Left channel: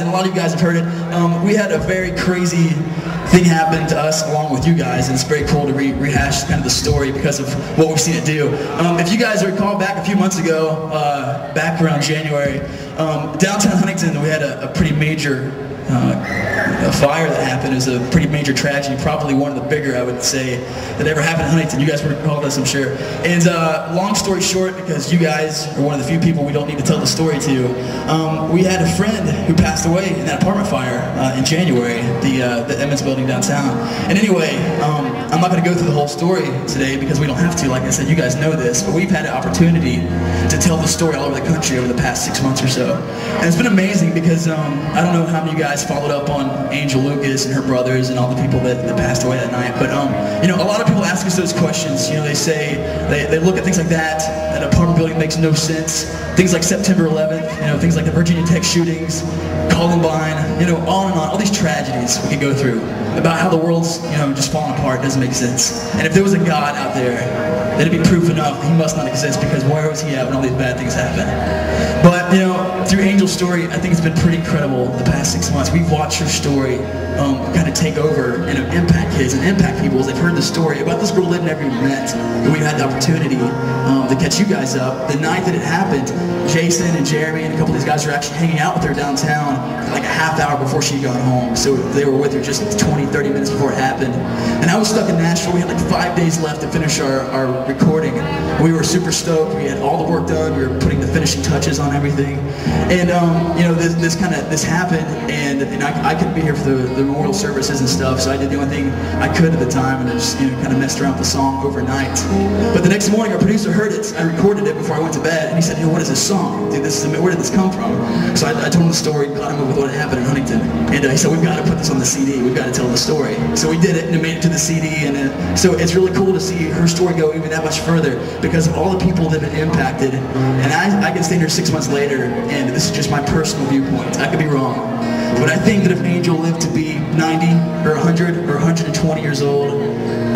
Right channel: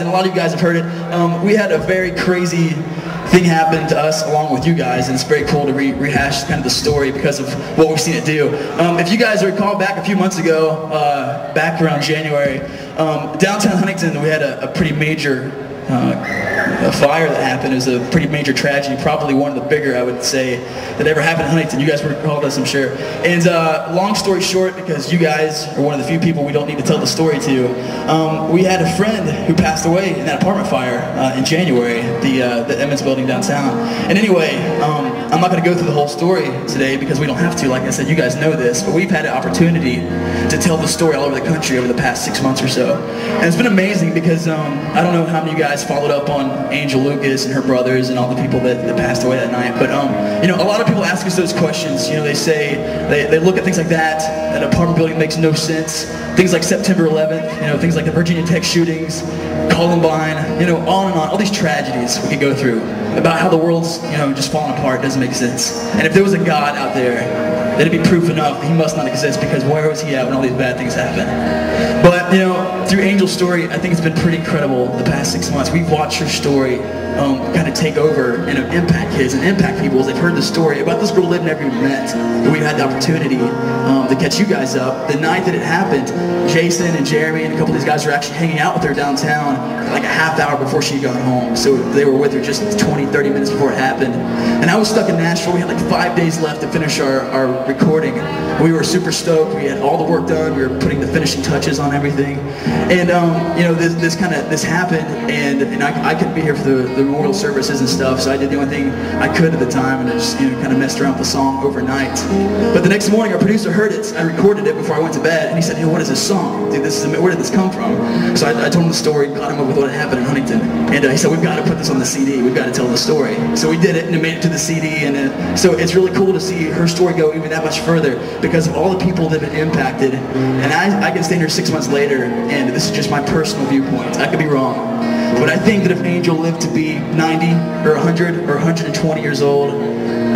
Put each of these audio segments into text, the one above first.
And a lot of you guys have heard it. We had a very crazy thing happen to us along with you guys, and it's very cool to rehash kind of the story because of what we've seen it do. If you guys recall back a few months ago, back around January, downtown Huntington, we had a pretty major fire that happened. It was a pretty major tragedy, probably one of the bigger, I would say, that ever happened in Huntington. You guys recall this, I'm sure. And long story short, because you guys are one of the few people we don't need to tell the story to, we had a friend who passed away in that apartment fire in January, the Emmons building downtown. And anyway, I'm not going to go through the whole story today because we don't have to. Like I said, you guys know this, but we've had an opportunity to tell the story all over the country over the past 6 months or so. And it's been amazing because I don't know how many of you guys followed up on Angel Lucas and her brothers and all the people that passed away that night, but you know, a lot of people ask us those questions. You know, they say, they look at things like that, an apartment building makes no sense, things like September 11th, you know, things like the Virginia Tech shootings, Columbine, you know, on and on, all these tragedies we could go through about how the world's, you know, just falling apart. Doesn't make sense. And if there was a God out there, that'd be proof enough that he must not exist, because where was he at when all these bad things happen? But, you know, through Angel's story, I think it's been pretty incredible the past 6 months. We've watched her story kind of take over and impact kids and impact people as they've heard the story about this girl they've never even met. And we've had the opportunity to catch you guys up. The night that it happened, Jason and Jeremy and a couple of these guys were actually hanging out with her downtown like a half hour before she got home. So they were with her just 20, 30 minutes before it happened. And I was stuck in Nashville. We had like 5 days left to finish our recording. We were super stoked. We had all the work done. We were putting the finishing touches on everything. And you know, this happened, and I couldn't be here for the memorial services and stuff, so I did the only thing I could at the time, and I just, you know, kind of messed around with the song overnight. But the next morning, our producer heard it. I recorded it before I went to bed, and he said, "Hey, what is this song? Dude, where did this come from?" So I told him the story, got him up with what had happened in Huntington, and he said, "We've got to put this on the CD. We've got to tell the story." So we did it, and it made it to the CD, and so it's really cool to see her story go even that much further because of all the people that have been impacted. And I can stand here 6 months later, and this is just my personal viewpoint. I could be wrong. But I think that if Angel lived to be 90 or 100 or 120 years old,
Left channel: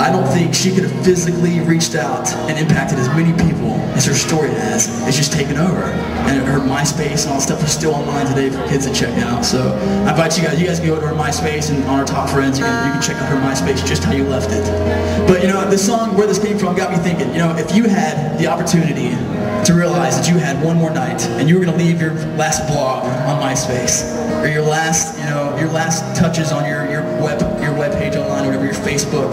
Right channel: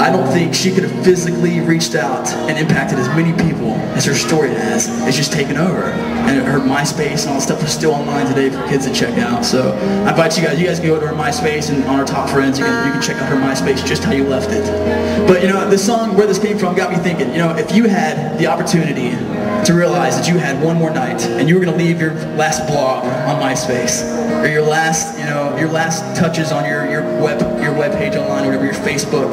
I don't think she could have physically reached out and impacted as many people as her story has. It's just taken over. And her MySpace and all that stuff is still online today for kids to check out. So I invite you guys can go to her MySpace, and on our top friends, you can check out her MySpace just how you left it. But you know, this song, where this came from, got me thinking, you know, if you had the opportunity to realize that you had one more night and you were going to leave your last blog on MySpace, or your last, you know, your last touches on your web page online, or whatever, your Facebook,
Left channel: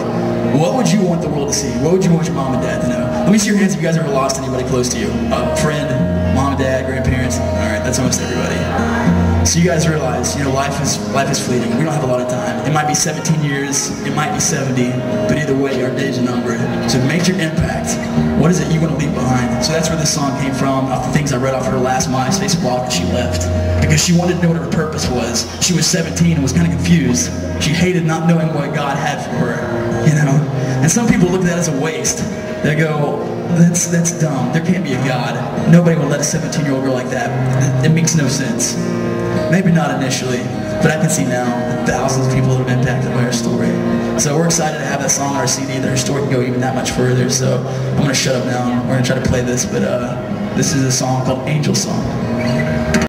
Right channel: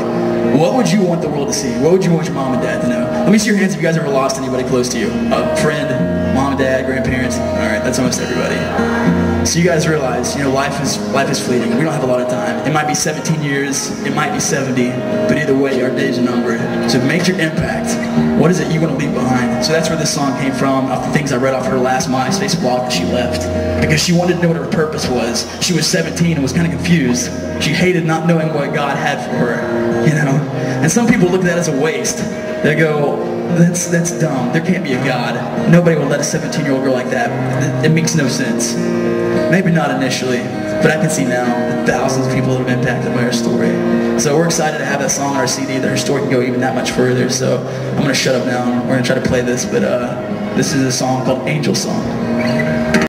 what would you want the world to see? What would you want your mom and dad to know? Let me see your hands if you guys ever lost anybody close to you. A friend, mom, dad, grandparents. All right, that's almost everybody. So you guys realize, you know, life is fleeting. We don't have a lot of time. It might be 17 years, it might be 70, but either way, our days are numbered. So make your impact. What is it you want to leave behind? So that's where this song came from, off the things I read off her last MySpace blog that she left. Because she wanted to know what her purpose was. She was 17 and was kind of confused. She hated not knowing what God had for her, you know? And some people look at that as a waste. They go, that's dumb. There can't be a God. Nobody will let a 17-year-old girl like that. It makes no sense. Maybe not initially, but I can see now that thousands of people have been impacted by her story. So we're excited to have that song on our CD, that her story can go even that much further. So I'm going to shut up now, and we're going to try to play this, but this is a song called Angel Song.